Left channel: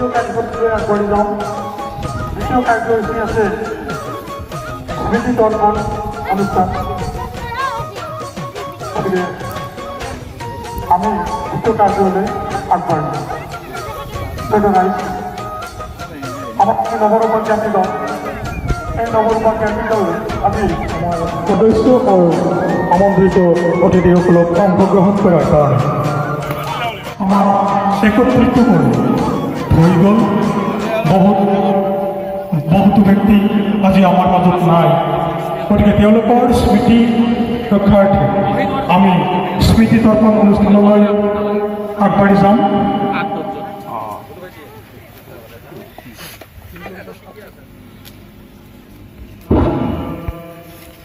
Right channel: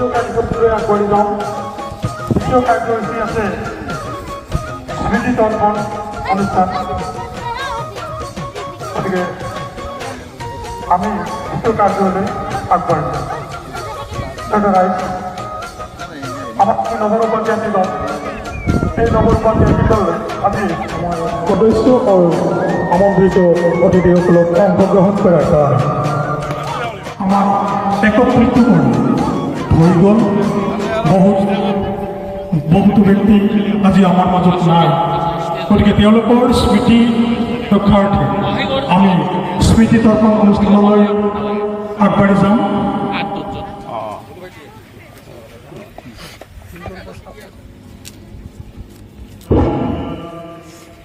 দ্বিতীয় কাৰ্যসূচীৰে আগবাঢ়ি যাওঁ। দ্বিতীয় কাৰ্যসূচী আছে স্মৃতি তৰ্পণ অনুষ্ঠান। গতিকে আমি দ্বিতীয় কাৰ্যলৈ আগবাঢ়িম। আমার নবরূপাধ্যায় দল, এই নবরূপাধ্যায় দলে আমি সদস্য ও আমন্ত্রিত অতিথিসকলক অংশগ্রহণ করা হয়। আমার একত্রিত হৈ গ'ল। বহুতো ব্যক্তি আজি আমাৰ মাজত নাই, গতিকে তেওঁলোকৰ স্মৃতি ৰক্ষাৰ্থে আমি স্মৃতি তৰ্পণ অনুষ্ঠানলৈ আগবাঢ়ি যাম।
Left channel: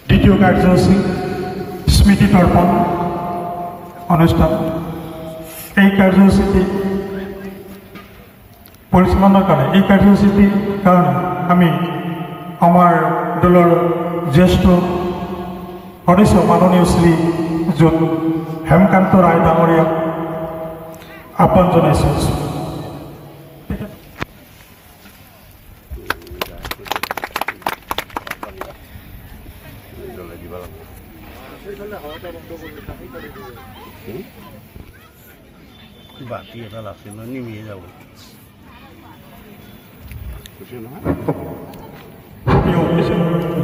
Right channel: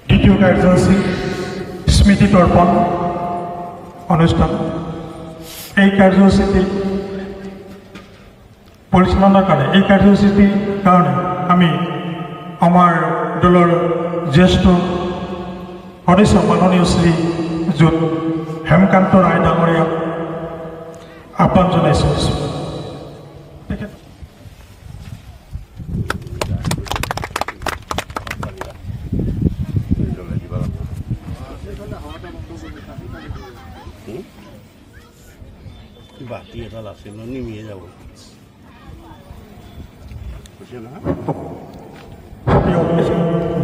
দ্বিতীয় কাৰ্যসূচী স্মৃতি তৰ্পণ অনুষ্ঠান। এই কাৰ্যসূচীটি পৰিচালনাৰ কাৰণে আমি আমাৰ দলৰ জ্যেষ্ঠ সদস্য মাননীয় শ্ৰী হেমকান্ত ৰায় ডাঙৰীয়াক আহ্বান জনাইছোঁ। বাতি এটা আছে ন নিমিয়ে যাব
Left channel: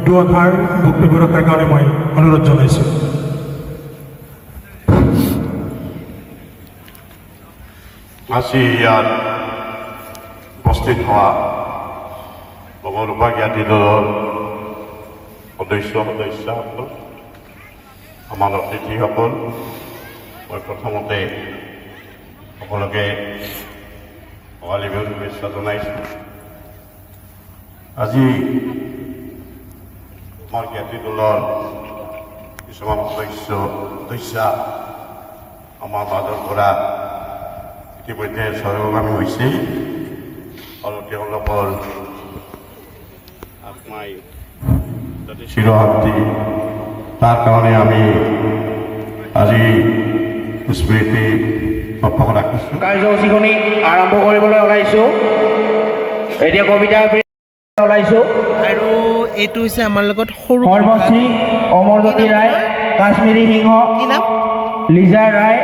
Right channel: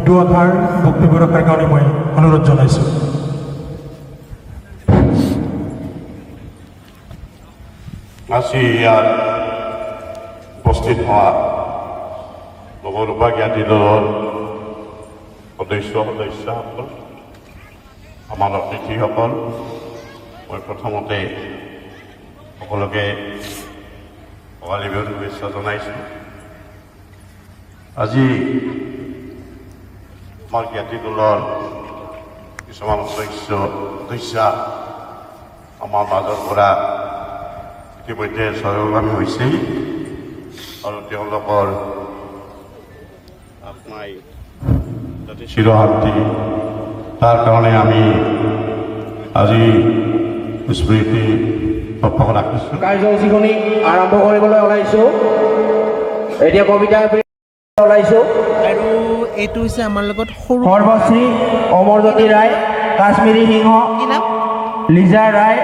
দুআষাৰ বক্তব্য ৰখাৰ কাৰণে মই অনুৰোধ জনাইছোঁ। আজি ইয়াত উপস্থিত হোৱা নৱৰূপা জ্ঞাতি দলৰ সদস্যসকল, আমাৰ অতিথিসকল, মই প্ৰথমতে সকলোকে ভোগালী বিহুৰ শুভেচ্ছা জনাইছোঁ। আজি আমাৰ জ্ঞাতি দলৰ কিছুমান সদস্য আমাৰ মাজৰ পৰা ইতিমধ্যে স্বৰ্গগামী হৈছেই আৰু তেওঁলোকৰ আত্মাই যাতে চিৰশান্তি, তাৰ কাৰণে আমি আজি স্মৃতি ৰাখিছোঁ। কাৰ্যসূচীখনি আৰম্ভ কৰিবলৈ ওলাইছোঁ। এতিয়া কবিতা ওলাইছোঁ আৰু এইটো হৈছে আমাৰ লগত সৰু সৰ্বশ্ৰী অমৰজ্যোতি ৰায়, কাশ্মীৰী সিংহ, লিজা ৰায়,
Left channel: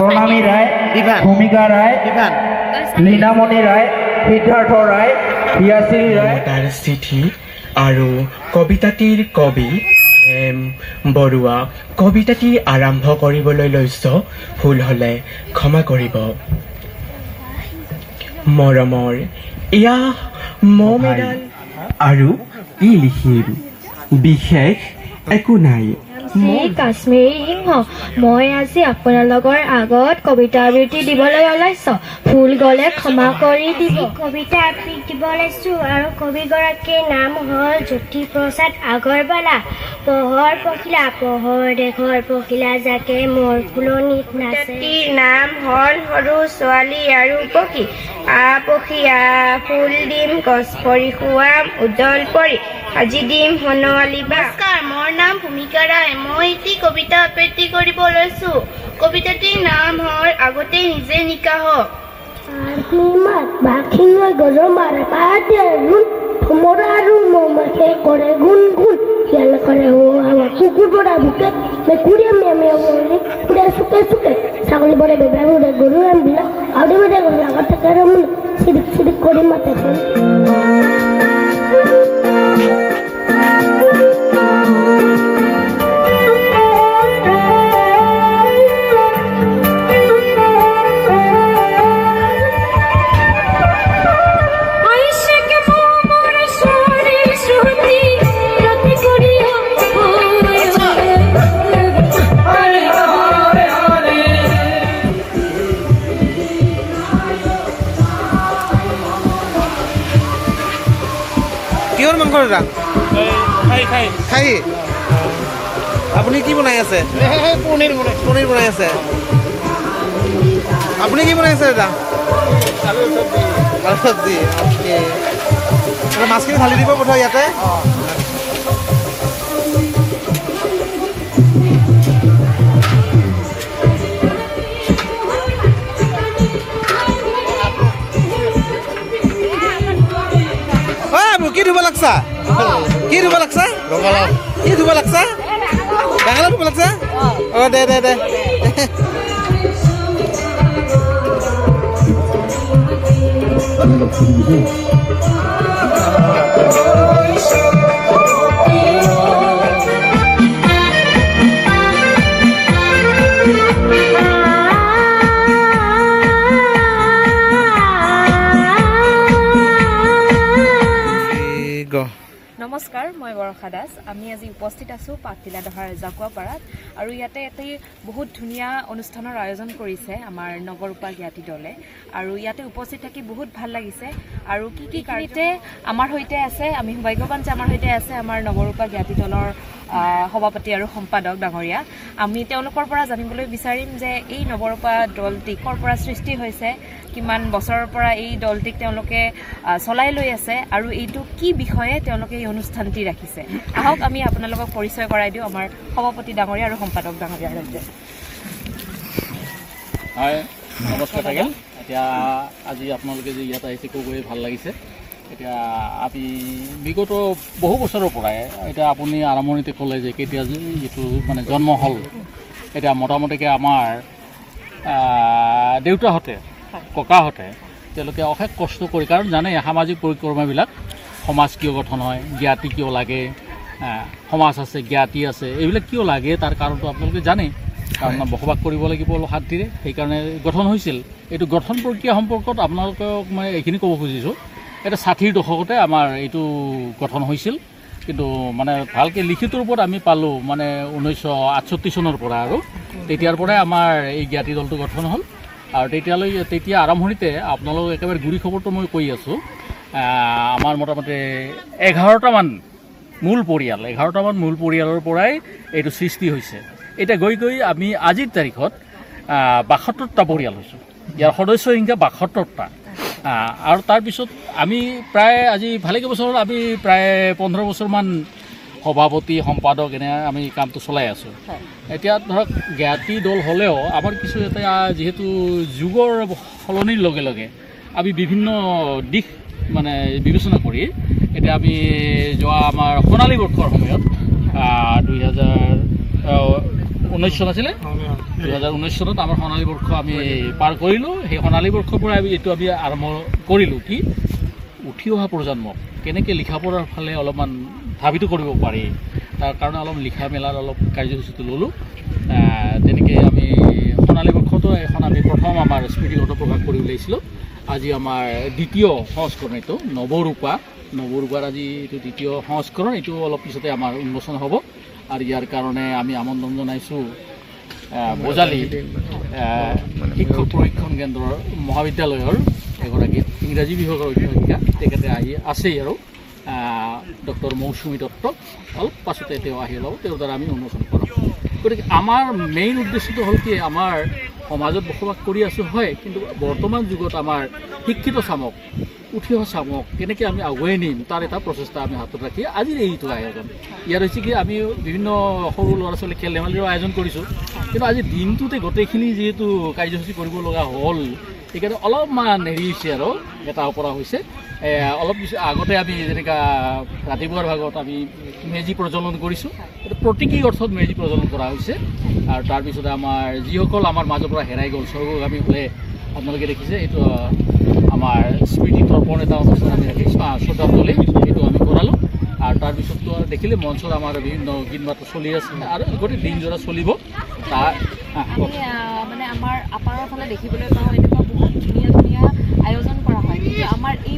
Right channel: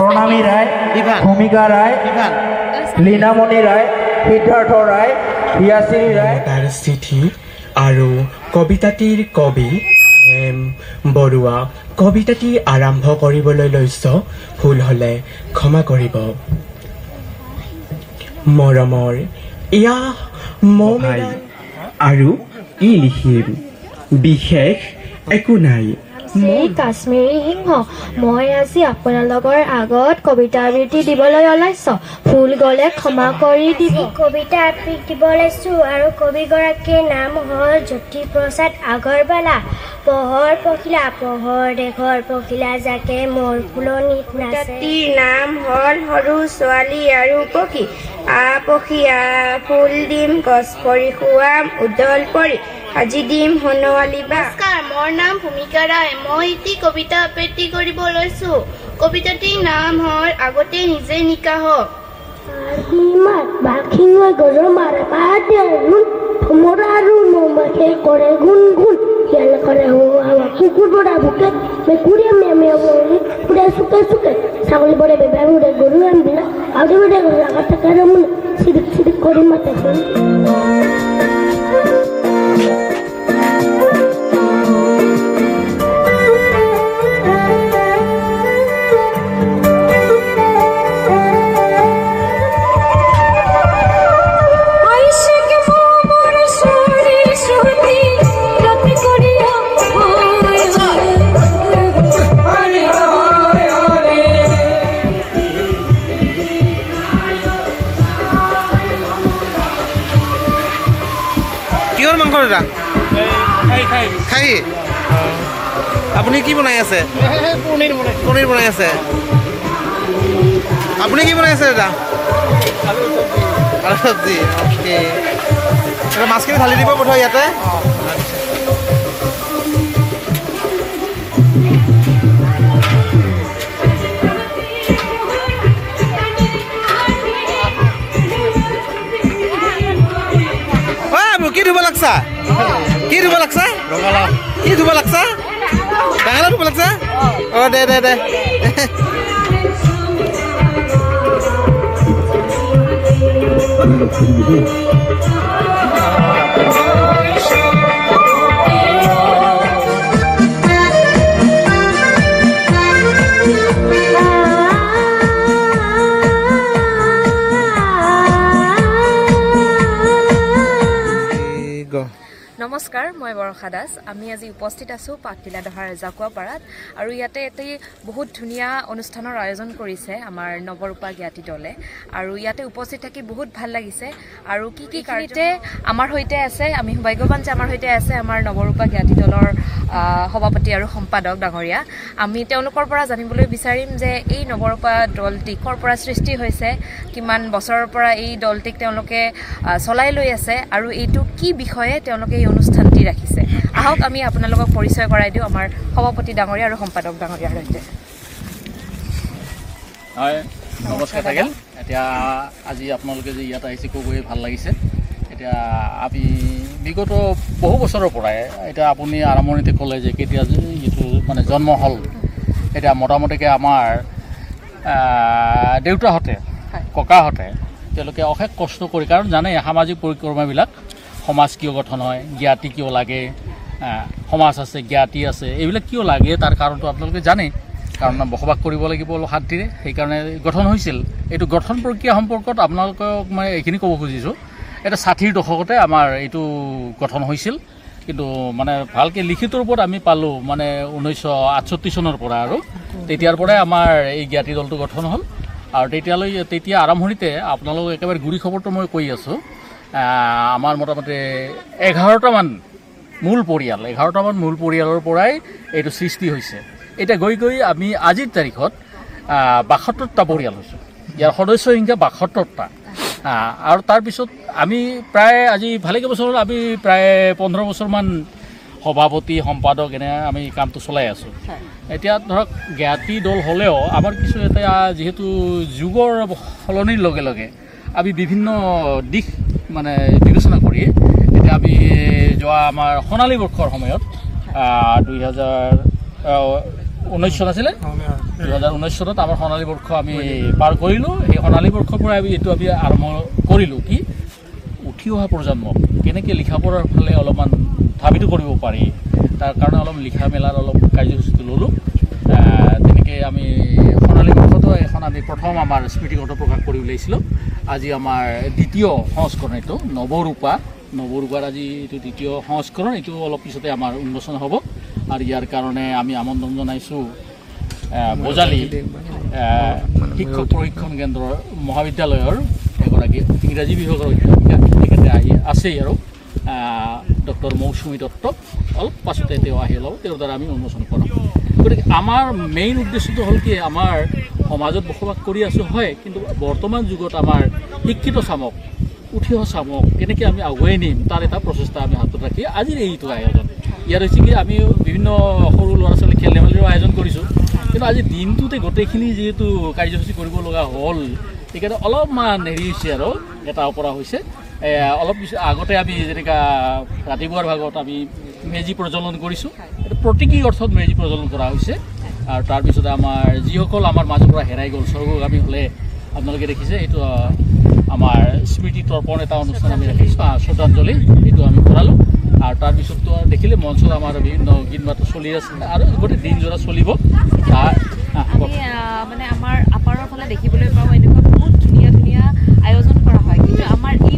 প্ৰণামী ৰায়, ভূমিকা ৰায়, লীনামণি ৰায়, সিদ্ধাৰ্থ ৰায়, হিয়াশ্ৰী ৰায়। তাৰ চিঠি আৰু কবিতাটিৰ কবি হেম বৰুৱা। কবিতাটি আৰম্ভ কৰিবলৈ লৈছ, ভুল হ'লে ক্ষমা কৰিব। মৰমৰ এয়া মমেদান আৰু ই লিখিম, বিশেষ একো নাই। মই কাশ্মীৰী সিংহ, মই আজি আপোনালোকৰ আগত কবিতা আবৃত্তি দিবলৈ ওলাইছোঁ। ভুল গ'লে ক্ষমা কৰি দিব। কবিতা আবৃত্তি দিব লৈছোঁ আৰু কবিগৰাকীৰ নাম হ'ল জ্যোতিপ্ৰসাদ আগৰৱালা। পহৰ পখিলা, পহৰ দেশৰ পখিলা যাকে মোৰ ফুলনিত নাচে। নাম হ'ল সৰু ছোৱালী আৰু পক্ষী। পক্ষী ফুল দিম, গছ পৰি খুৱাম উদল পৰি, আজি দিম সোণালী বা। মোৰ নাম ভূমিকা ৰায়, মই এটি কবিতা আবৃত্তি কৰিব লৈছোঁ। কবিতাটিৰ নাম হ'ল আগতে নিজে নিকাহ। গজৰ মাৰে পাতে ভোমৰা আৰু মৌমাখিয়ে কৰে গুণ গুণ, শিয়াল কৰে কুকুৰ দৰা ভোকে, মেকুৰীয়ে মেমে ফুৰে চুকে চুকে, ছাগলী বৰে বেবা ফুৰে গৰু বিলাক আৰু আগত থাকে চিৰিক চিৰিক কৰি মাতে। কিহৰ মাংস দাদা? খাই আপুনি কি বনাই আছে? পনীৰ বনাই আছে। আপুনি কি বনাই আছে দাদা? আলু চব্জি। অ'কে, মাছখিনি ঢালি দিব বোধহয় ইয়াতে। ধুব লাগছা কি ধুব লাগছা ডাঙালা ধুব লাগছা অঁ দে দে দে নমস্কাৰ মই বৰষা দাস আমি আজি উপস্থিত আছোঁ পাটতিলা দহাৰ জাকুৱাপাৰাত আৰু ইয়াতে এটি বহুত ধুনীয়া অনুষ্ঠানৰ আয়োজন কৰিছে আমাৰ নৱৰূপা জ্ঞাতি দলে আৰু ইয়াতে উপস্থিত থাকি বহুত ভাল লাগিছে আৰু কি কাৰণতে আমাৰ সৈতে আছে আমি সৌভাগ্যৱান যে আমাৰ সৈতে আছে আমাৰ নৱৰূপা জ্ঞাতি দলৰ সভাপতি আৰু সম্পাদক ডাঙৰীয়া আমি তেওঁলোকৰ পৰা জানিবলৈ বিচাৰিম যে এই নৱৰূপা দলটি ক'ৰ পৰা সৃষ্টি হৈছে কিমান বছৰৰ পৰা এই দলটিক তেওঁলোকে চলাই লৈ আছে আৰু এইটো কি বিষয়ে তেওঁলোকে এই অনুষ্ঠানটি ৰাখিছে আহক আমি আপোনালোকক পৰিচয় কৰাই দিওঁ আমাৰ সভাপতি ডাঙৰীয়া আৰু সম্পাদক ডাঙৰীয়াৰ সৈতে হয় নমস্কাৰ থাকিল এতিয়া আজি আপোনালোকে যে ইয়াত আহিছে কৈ ভাল লাগিছে এতিয়া আমি বিগত বহু বছৰৰ পৰাই এতিয়া আপুনি আৰম্ভণিতে ক'লে যে কেতিয়া যিটো মানে জন্ম হ'ল এতিয়া মোটামুটিকৈ আমাৰ দেউতাহঁতে ককাহঁতে তেওঁলোকে অশেষ কষ্ট কৰি কাৰণ জানে সামাজিক পৰিক্ৰমাবিলাক সমাজ কিয় গঠন হয় জ্ঞাতি কিয় লাগে সমাজ আছে জ্ঞাতি আছে এইবিলাক কিয় লাগে তাৰ কাৰণটো আপোনালোকে জানে কাৰণ বসবাস কৰিব লাগিব অলপ শান্তিৰে সেইকাৰণে গঠন হৈছিল এইটো গঠন প্ৰক্ৰিয়া সম্পৰ্কত আপোনালোকক মই এইখিনি ক'ব খুজিছোঁ এটা 60ৰ দশকতে আমাৰ এইটো গঠন হৈছিল কিন্তু মানে ভালকৈ লিখিত ৰূপত আমি পালোঁ মানে 1968 চনৰ পৰা আৰু তেতিয়াৰ পৰাই আমাৰ এই জ্ঞাতি দলটো গঠন হ'ল আৰু তেতিয়া আৰম্ভণিতে আপোনালোক একেবাৰে গুৰি খবৰটো মই কৈ আছোঁ আমাৰ মোটামুটি 11টামান মূল পৰিয়ালৰ পৰাই এইটো সৃষ্টি হৈছে এতিয়া গৈ আমি আজিৰ তাৰিখত 72টা পৰিয়াল হৈছোঁ ইয়াৰ সদস্য সংখ্যা 72টা আৰু তাৰপিছত আমি প্ৰায় আজি ভালেকেইবছৰ আমি প্ৰায় 15 বছৰমান সভাপতি সম্পাদক এনে আমি কামটো চলাই আছোঁ এতিয়া ধৰক জ্ঞাতি দল হ'লেও আমাৰ কিছু এটা যিহেতু যুগৰ সলনিৰ লগে লগে আমি বিভিন্ন দিশ মানে বিবেচনা কৰি এতিয়া আমি যোৱা আমাৰ সোণালী বৰ্ষৰ সময়ত 2019 চন আছিলে 2019 চনত আমাৰ সোণালী বৰ্ষ আমি পাৰ কৰিলোঁ সেই সোণালী বৰ্ষৰ পৰা এইটো আমি আৰম্ভ কৰিলোঁ কি উঠি অহা প্ৰজন্মক কেনেকৈ লিখা পঢ়াৰ ফালে অলপমান ধাবিত কৰিব পাৰি তাৰ কাৰণে অলপ লিখা মেলাৰ অলপ কাৰ্যসূচীটো ল'লোঁ তেনেকৈ আমি সোণালী বৰ্ষতো এখন আমি প্ৰথম আমাৰ স্মৃতিগত প্ৰকাশ কৰি উলিয়াইছিলোঁ আজি আমাৰ দ্বিতীয় সংস্কৰণ এইটো নৱৰূপাৰ আজি এইটো দ্বিতীয় সংস্কৰণ এইটো অলপ পিছতে আমাৰ উন্মোচন হ'ব আৰু ইয়াৰ কাৰণে আমি আমন্ত্ৰণ জনাইছোঁ বজালী শিক্ষক প্ৰশিক্ষণ কেন্দ্ৰৰ মহাবিদ্যালয়ৰ এগৰাকী ইংৰাজী বিভাগৰ অধ্যাপিকা তেখেতে আহি আছেই আৰু ডক্টৰ মৌচুমী দত্ত অলপ পাছতে তেওঁ আহি ওলাব তেওঁৰ দ্বাৰা আমি উন্মোচন কৰাম গতিকে আমাৰ মেইন উদ্দেশ্যটো হ'ল কি আমাৰ সমাজত বসবাস কৰি আছোঁ হয় কিন্তু বৰ্তমান যুগত আমাৰ শিক্ষিত চামক উঠি অহা চামক কেনেকৈ আমি আগুৱাই নিম তাৰ এটা প্ৰচেষ্টা আমি হাতত ৰাখি আজিৰ এইটো আয়োজন ইয়াৰ হৈছে কি আমি বিভিন্ন সৰু ল'ৰা ছোৱালী খেল ধেমালিৰো আয়োজন কৰিছোঁ কিন্তু আজি দিনটোতে গোটেইখিনি যিহেতু কাৰ্যসূচী কৰিব লগা হ'ল সেইকাৰণে অলপমান হেৰি হৈছে আৰু এটা অপৰা হৈছে অলপ আগতে আমি যেনেকৈ ৰাতিপুৱাৰ ভাগত আমি মেজি প্ৰজ্বলন কৰিছোঁ এইটো প্ৰতীকী অৰ্থত মেজি প্ৰজ্বলন কৰা হৈছে আৰু তাৰপিছতে আমাৰ যিসকল আমাৰ মাজৰ পৰা হেৰাই গ'ল স্বৰ্গগামী হ'লে আপোনালোকে দেখিছে এইটো আমাৰ স্মৃতি তৰ্পণ এটা অনুষ্ঠান আমি ৰাখিছোঁ শ্ৰদ্ধাঞ্জলি এইটো আমি কৰালোঁ আৰু তাৰপিছততো দেখিলে মঞ্চত আমাৰ বিভিন্ন গীত মাত চলি আছে আৰু গোটেই দিনজোৰা চলিব মানে আমাৰ আপাৰৰ ফালে দেখিবলৈ পাওঁ এনেকুৱা বহুত ধুনীয়া আয়োজন কৰা হয় কিন্তু আমাৰ এই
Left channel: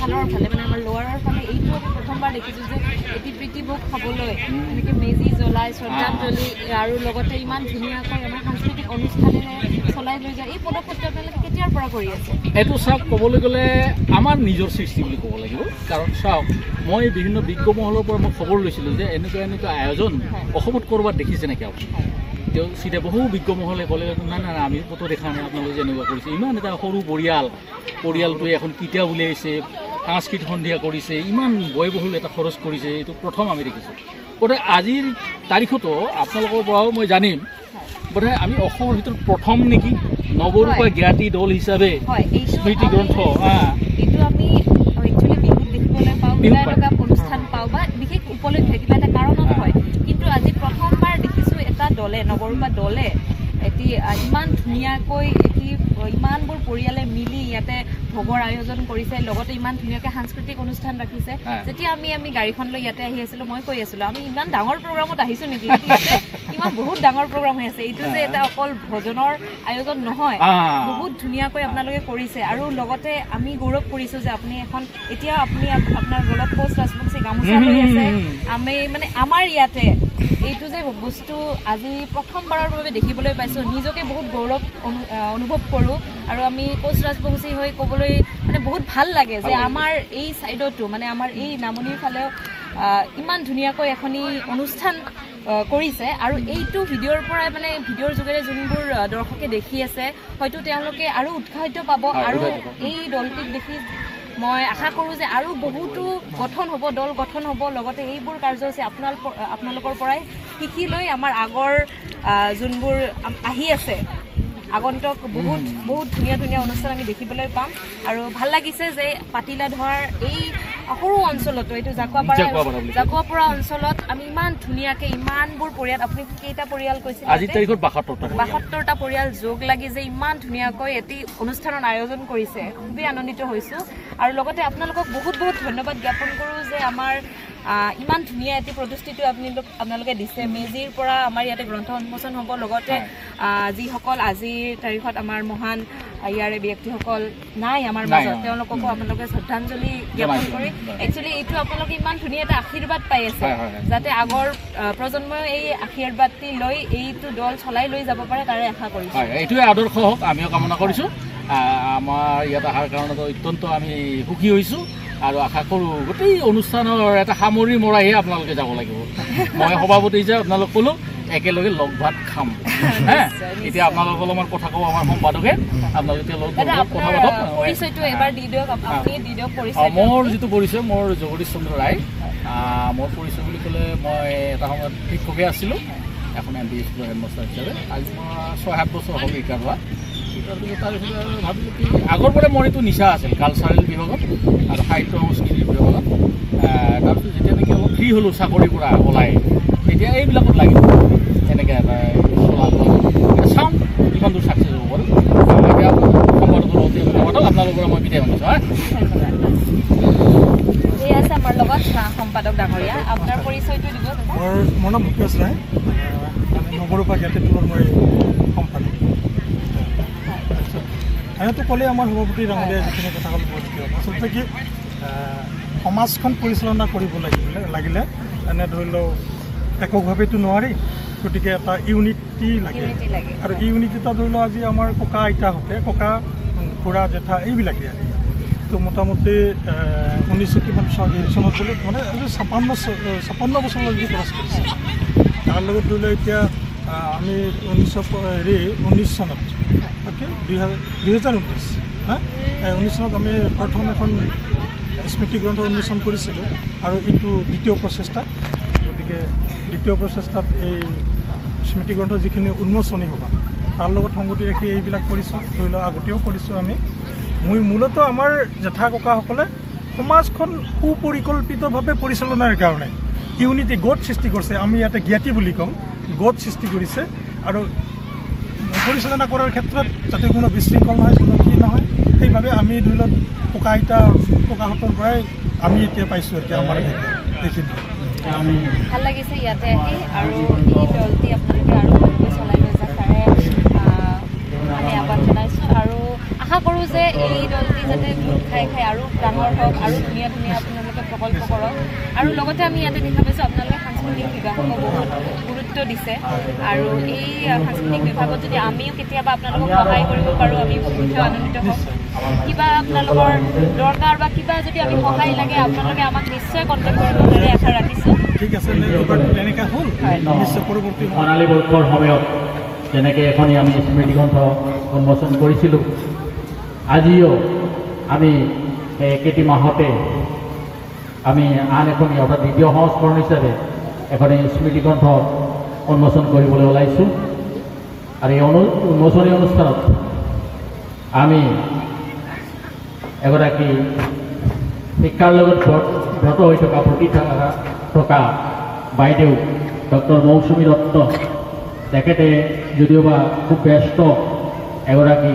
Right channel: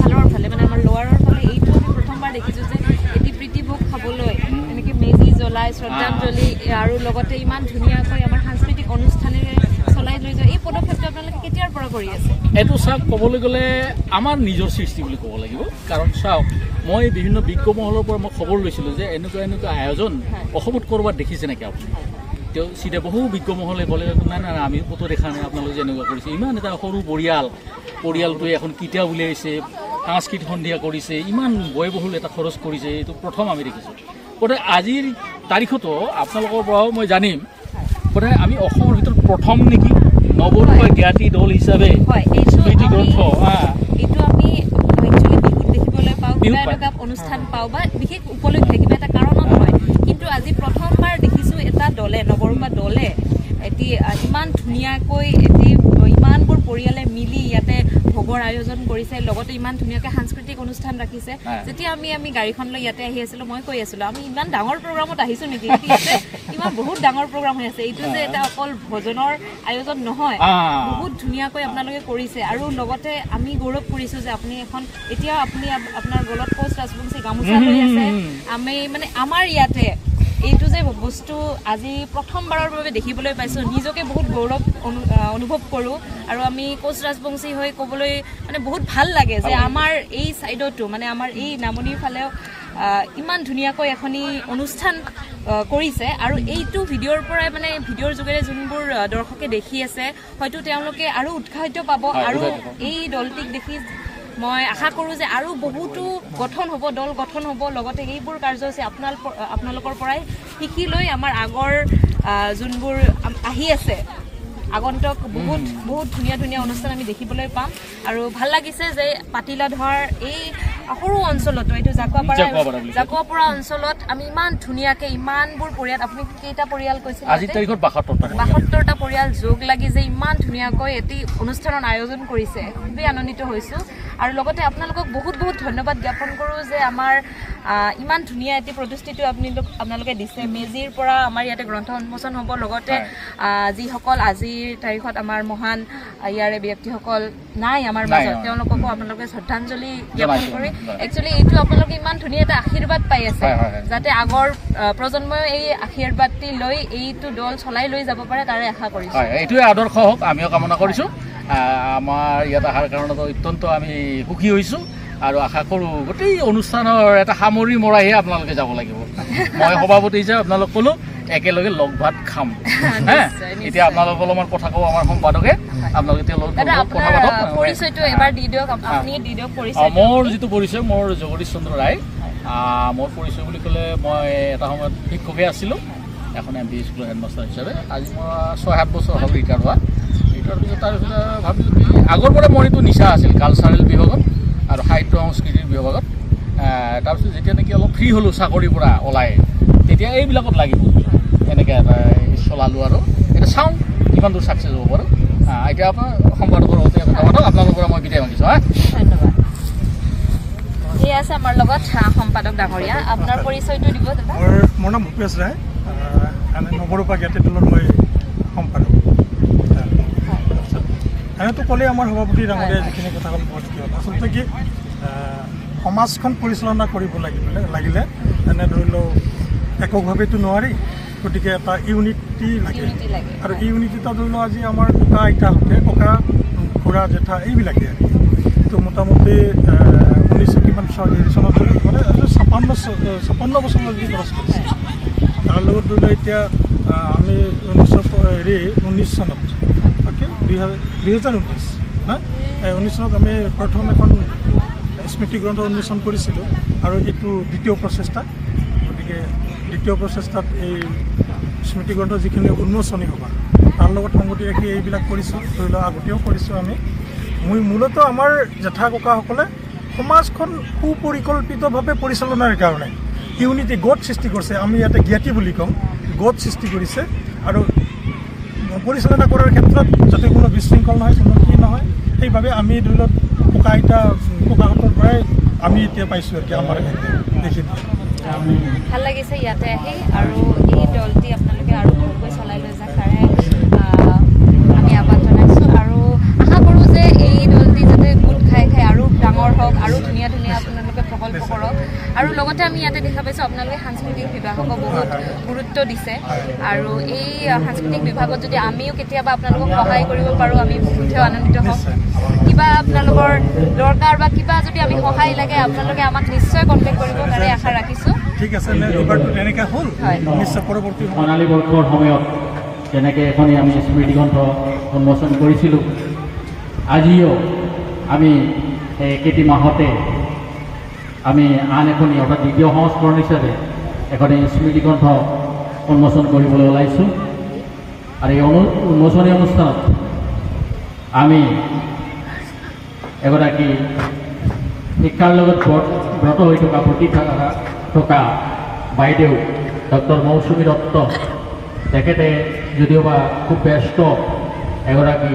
ফালৰ ফালে মানে আমাৰ লোৱাৰৰ ফালে এইটো আমি প্ৰথমবাৰ দেখিছোঁ যে এটি প্ৰীতিভোগ খাবলৈ এনেকৈ মেজি জ্বলাই শ্ৰদ্ধাঞ্জলি আৰু লগতে ইমান ধুনীয়াকৈ আমাৰ সাংস্কৃতিক অনুষ্ঠানেৰে চলাই লৈ যায় এই পদক্ষেপটো আপোনালোকে কেতিয়াৰ পৰা কৰি আছে এইটো চাওক ক'বলৈ গ'লে আমাৰ নিজৰ সৃষ্টি বুলি ক'ব লাগিব কাৰণ চাওক মই বিভিন্ন বিজ্ঞ মহলৰ পৰা মই খবৰ লৈছিলোঁ যে এনেকুৱা আয়োজন অসমত ক'ৰবাত দেখিছে নেকি আপুনি তেওঁ চিধা বহু বিজ্ঞ মহলে ক'লে নাই আমি ক'তো দেখা নাই আপোনালোকে যেনেকুৱা কৰিছে ইমান এটা সৰু পৰিয়ালটোৱে এখন কিতাপ উলিয়াইছে সাংস্কৃতিক সন্ধিয়া কৰিছে ইমান ব্যয়বহুল এটা খৰচ কৰিছে এইটো প্ৰথম আমি দেখিছোঁ গতিকে আজিৰ তাৰিখতো আপোনালোকৰ পৰাও মই জানিম গতিকে আমি অসমৰ ভিতৰত প্ৰথম নেকি নৱৰূপা জ্ঞাতি দল হিচাপে স্মৃতি গ্ৰন্থ এইটো আমি একচুৱেলি বিহুত দেখিবলৈ দেখিবলৈ পাওঁ, কিবা এটা অনুষ্ঠান পাওঁ বা বিশেষ উপলক্ষে কিবা এটা কাৰণত হয়। কিন্তু আজি প্ৰথমবাৰ দেখিছোঁ এটা দলে, নৱৰূপা দলে এটি ইমান ধুনীয়াকৈ ইমানবোৰ পৰিয়ালে মিলি ইয়াতে ভোগৰ আয়োজন কৰিছে, লগতে ইমান ধুনীয়াকৈ সাংস্কৃতিক অনুষ্ঠান ৰাখিছে। যেতিয়া আমি গাড়ীখন লৈ ইয়াতে আহি আছিলোঁ, মই কৈ আছিলোঁ আমি ইমান ডাঙৰ প্ৰগ্ৰামত আহিছোঁ নেকি, ইয়াতে ইমান বহুত ডাঙৰ প্ৰগ্ৰাম হৈ আছে। এইটো যে এটা অকল ভজনৰ আয়োজন নহয়, বহুত ধুনীয়াকৈ আপোনালোকে কৰিছে। আৰু লগতে আমি গৌৰৱ কৰিছোঁ যে আপুনি এতিয়া আপুনি আপোনাৰ গলত কোচ ৰাজবংশী গামোচা লৈ আছে। আমি মানে আমাৰ ইয়াতে এইটো যে বস্তু আজি প্ৰথমবাৰৰ বাবে দেখিবলৈ পাইছোঁ, নিজকে বহুত গৌৰৱ অনুভৱ কৰোঁ। আৰু আমি কোচ ৰাজবংশী হৈ ক'বলৈ মানে বহুত ভাল লাগে যে আমাৰ এই ছাইডতো মানে আমাৰ এই নামনিৰ ফালেও ইমান ধুনীয়াকৈ এখনি অনুষ্ঠান কৰিছে। আৰু এইটো ভিডিঅ'ৰ পৰাই মানে ভিডিঅ'ৰ যোগেৰে যোনবোৰ দৰ্শকে দেখি আছে, হয়তো তেওঁলোকে আৰু উৎসাহিত পাব। আৰু এই দলটিক দেখি মই আশা কৰোঁ যে আৰু বহুতো দল গঠন হ'ব। লগতে এইবোৰ কাৰ্যসূচী আপোনালোকৰ পৰাই শিকি লৈ আমাৰ আগৰ যোনবোৰ আহি আছে আগন্তুক বহুত ধুনীয়া অনুষ্ঠান আমি দেখিবলৈ পাম। আৰু ভাল লাগিছে যে পাতিলাধৰ এই সৰু অঞ্চলতো, এইটো জাকুৱাপাৰা অঞ্চলত আমি ইমান ধুনীয়াকৈ ইমানবোৰ পৰিয়াল, আপুনি কেইটা পৰিয়াল কৈছিল? আজিৰ তাৰিখত ৭২টা পৰিয়াল যোগ লাগি যে ইমান ধুনীয়াকৈ এটি অনুষ্ঠানৰ আয়োজন কৰিছে, খুবেই আনন্দিত হৈছোঁ। আৰু লগতে আপোনালোকক বহুত ধন্যবাদ জ্ঞাপন কৰোঁ যে আমাৰ ইমান ধুনীয়া এটি প্ৰতিষ্ঠিতি আপোনালোকে দিছে। মেজিৰ পৰা আমাৰ ইয়াতে গ্ৰন্থ উন্মোচন হ'ব। লগতে যিসকল আজিৰ তাৰিখত আমাৰ মহান ইয়াৰে ব্যক্তিসকল নাই আমাৰ মাজত, তেওঁলোককো আপোনালোকে শ্ৰদ্ধাঞ্জলি জ্ঞাপন কৰি একচুৱেলি এইটো আপোনালোকে ইমান ধুনীয়া এটা আশীৰ্বাদ পাই আছে, যাতে আগৰ প্ৰজন্মই এই আশীৰ্বাদটি লৈ এইটো দল চলাই লৈ যাব পাৰে, তাৰে আশা কৰিছোঁ। এইটোৱে আদৰ্শ হওক, আমিও কামনা কৰিছোঁ। আমাৰ ইয়াত অহাৰ কাৰণত অত্যন্ত আমি সুখী হৈছোঁ আৰু আশা কৰোঁ গোটেই অনুষ্ঠানৰ এটা সামৰি মৰাইহে আপোনালোকে যাব লাগিব। মই সভাপতি হিচাপে আপোনালোক ক'লোঁ একেলগে লগ ভাত খাম। এতিয়া আপোনালোক অলপমান কথা কওঁ আমাৰ সম্পাদকে, আপোনালোকে তেওঁলোকক কথা পাতক। মোৰ যিটো পৰিচয়, মোৰ জগদীশ চন্দ্ৰ ৰায়। মোৰ পৰিচয় বুলি ক'লে মই এটা সময়ত শিক্ষকে আছিলোঁ, এখন MP স্কুলৰ হেডমাষ্টাৰ হিচাপে। আজি মই ৬-৭ বছৰ হ'ল ৰিটায়াৰ হোৱা। ৰিটায়াৰ পিছত তাৰপিছত ভাবিলোঁ কি আগৰ পৰা মোৰ এইটো নিচা আছিল কালচাৰেল বিভাগত আৰু সাহিত্য সংস্কৃতিৰ বিভাগত। তাৰপিছত যেতিয়া নেকি অলপ ফ্ৰী হ'লোঁ চাকৰিৰ পৰা ওলাই, তেতিয়া এইবিলাকত লাগিব এনেকৈ এটা চলালোঁ। আৰু এতিয়া চাওঁ কিমান দূৰ ছাকচেছ হ'ব পাৰোঁ। এতিয়া আপোনাৰ সম্পাদকৰ লগতে কথা পাতক, আপোনালোকৰ পৰা মই বিদায় মাগিছোঁ। ধন্যবাদ। এই আছে আমাৰ লগত সম্পাদক ডাঙৰীয়া, আপোনাৰ পৰিচয়টো দিব দাদা। মোৰ নাম ভূপেশ ৰায়, নৱৰূপা জ্ঞাতি দলৰ মই সম্পাদক। সিহঁতো ক'লে আমাৰ সভাপতি ডাঙৰীয়াই যিখিনি কথা ক'ল বহুত কিয় আচলতে কি সমাজখন পৰিচালনা কৰিব লাগিলে এনে ধৰি লওক এককভাৱেতো নোৱাৰি, গতিকে এটা ইউনিটি লাগে। আৰু ইউনিটিটা ধৰি লওক আজি আমাৰ ককা আইতাহঁতে, ককা খুৰা জেঠা এইবিলাকে আৰু তো মোটামুটি 1900 কিমান চনত মানে 56 বছৰলৈকে ক্ৰছ কৰিছে। তাৰ লগত ধৰি লওক এতিয়া আমি 1919 চনত 2019 চনত আমি প্ৰথম এখন স্মৃতি গ্ৰন্থ উন্মোচন কৰিছিলোঁ আৰু এইটো দ্বিতীয় প্ৰচেষ্টা। গতিকে দ্বিতীয় প্ৰচেষ্টাত এই স্মৃতি গ্ৰন্থ যিখিনি উন্মোচনী হ'ব তাৰ লগত সংগতি ৰাখি এইবিলাক কৰিছোঁ। ধৰি লওক আগতেও কৰিছোঁ আমি। মূলতঃ আমাৰ জেঠা ককাসকলে সমাজখন সুপৰিকল্পিতভাৱে পৰিচালনাৰ কাৰণে ইউনিটি গোট সৃষ্টি কৰিছে। আমি ইয়াতে জ্ঞাতি বুলি কওঁ, গোট সৃষ্টি কৰিছে। আৰু পৰিচালনা কৰাৰ ক্ষেত্ৰত যাতে কোনো বিশৃংখল নহয়, কোনো কি নহয়, সেইভাৱে আমি ধৰি লওক ককাহঁতৰ পৰাই আমি এতিয়া পাইছোঁ আৰু কি আমাৰ এইখিনি ভাল লাগিছে ইয়াতে আহি। আৰু এই দলটি আপোনালোকে আৰু ভালকৈ চলাই লৈ যাওক তাৰে আমি আহ্বান জনাইছোঁ। আৰু আশা কৰোঁ যে এই দলটি যাতে গোট খাই আৰু ডাঙৰ হওক আৰু ধুনীয়া আপোনালোকে প্ৰকল্প কৰক। আৰু লগতে আমি ইয়াতে দেখা পাইছোঁ আপোনালোকে সাংস্কৃতিক বিভাগকো বহুত গুৰুত্ব দিছে। আৰু এই সাংস্কৃতিক বিভাগত যদি আমিও কেতিয়াবা আপোনালোকক সহায় কৰিব পাৰোঁ, আমি বহুতেও আনন্দিত হ'ম। কিবা আপোনালোকৰ দৰকাৰ বা কিবা যদি আমি সহায় লাগে আপোনালোকে আমাক নিশ্চয় কণ্টেক্ট কৰিব, তাৰে আশা ৰাখিছোঁ। ঠিক আছে, তেনেকৈ হ'ল নিশ্চয় পৰৱৰ্তী সোণালী বৰ্ষৰ সময়ত যেনেকৈ এখনি আমি স্মৃতি গ্ৰন্থ উন্মোচন কৰিছিলোঁ, আজিও আমি একেটি মাহতে আমি আন এখনি অৰ্থাৎ দ্বিতীয় সংস্কৰণ হিচাপে এখনি স্মৃতি গ্ৰন্থ উন্মোচন কৰিবলৈ ওলাইছোঁ। আৰু এই উন্মোচনী অনুষ্ঠানত আমি এগৰাকী শিক্ষাৰ লগত ব্ৰত হৈ থকা বাইদেউ ডক্টৰ মৌচুমী দত্ত, তেখেতে যদিওবা খুব ব্যস্ত এগৰাকী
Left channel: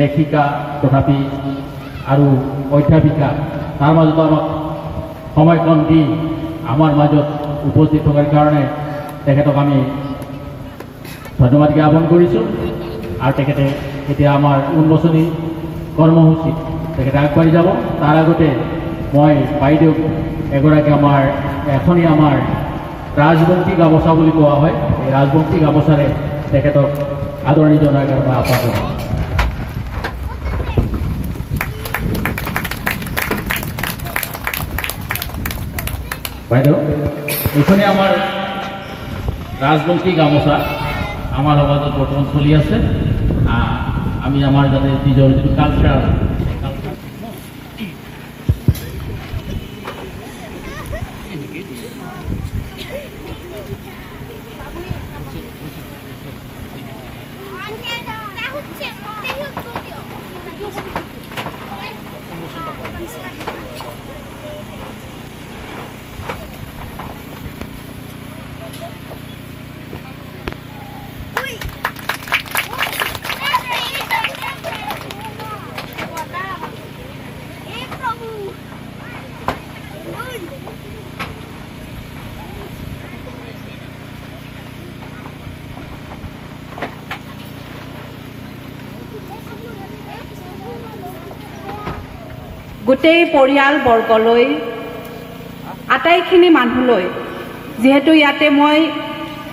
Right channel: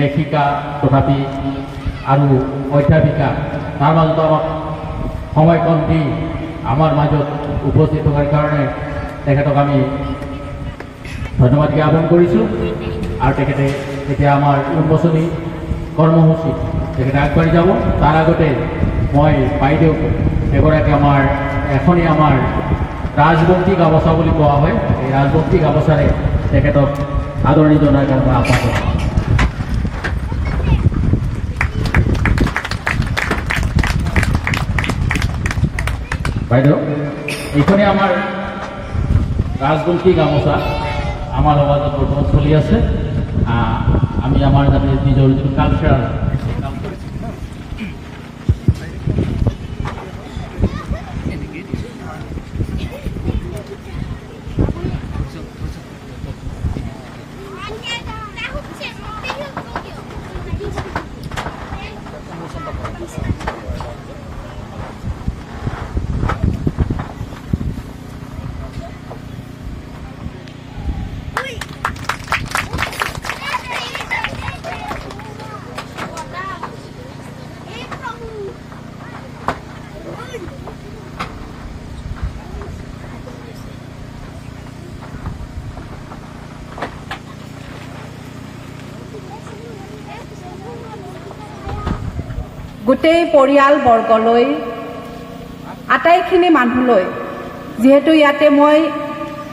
লেখিকা তথাপি আৰু অধ্যাপিকা, তাৰ মাজত আমাক সময়কণ দি আমাৰ মাজত উপস্থিত থকাৰ কাৰণে তেখেতক আমি ধন্যবাদ জ্ঞাপন কৰিছোঁ। আৰু তেখেতে এতিয়া আমাৰ উন্মোচনী কৰ্মসূচীত তেখেতে আগবাঢ়ি যাব। তাৰ আগতে মই বাইদেউক এগৰাকী এখনি আমাৰ ৰাজবংশী গামোচা বুলি কোৱা হয়, এই ৰাজবংশী গামোচাৰে তেখেতক আদৰণি জনাৰ কাৰণে আহ্বান কৰিম। বাইদেউ, এইখনে আমাৰ ৰাজবংশী গামোচা আমাৰ সমাজত বৰ্তমান চলি আছে। আমি আমাৰ যাতে নিজৰ যিটো কালচাৰ গোটেই পৰিয়ালবৰ্গলৈ, আটাইখিনি মানুহলৈ, যিহেতু ইয়াতে মই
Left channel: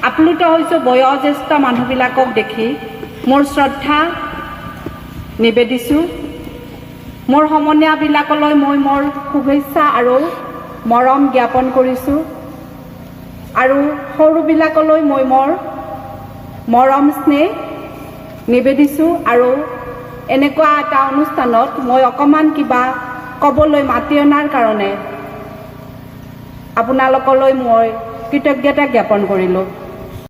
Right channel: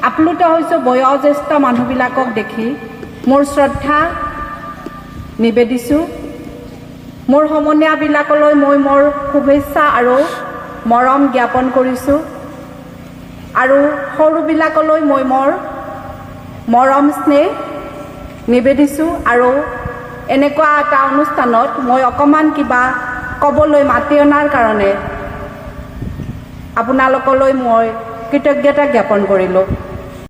আপ্লুত হৈছোঁ বয়োজ্যেষ্ঠ মানুহবিলাকক দেখি, মোৰ শ্ৰদ্ধা নিবেদিছোঁ। মোৰ সমনীয়াবিলাকলৈ মই মোৰ শুভেচ্ছা আৰু মৰম জ্ঞাপন কৰিছোঁ। আৰু সৰুবিলাকলৈ মই মোৰ মৰম স্নেহ নিবেদিছোঁ। আৰু এনেকুৱা এটা অনুষ্ঠানত মই অকণমান কিবা ক'বলৈ মাতি অনাৰ কাৰণে আপোনালোকলৈ মই কৃতজ্ঞতা জ্ঞাপন কৰিলোঁ।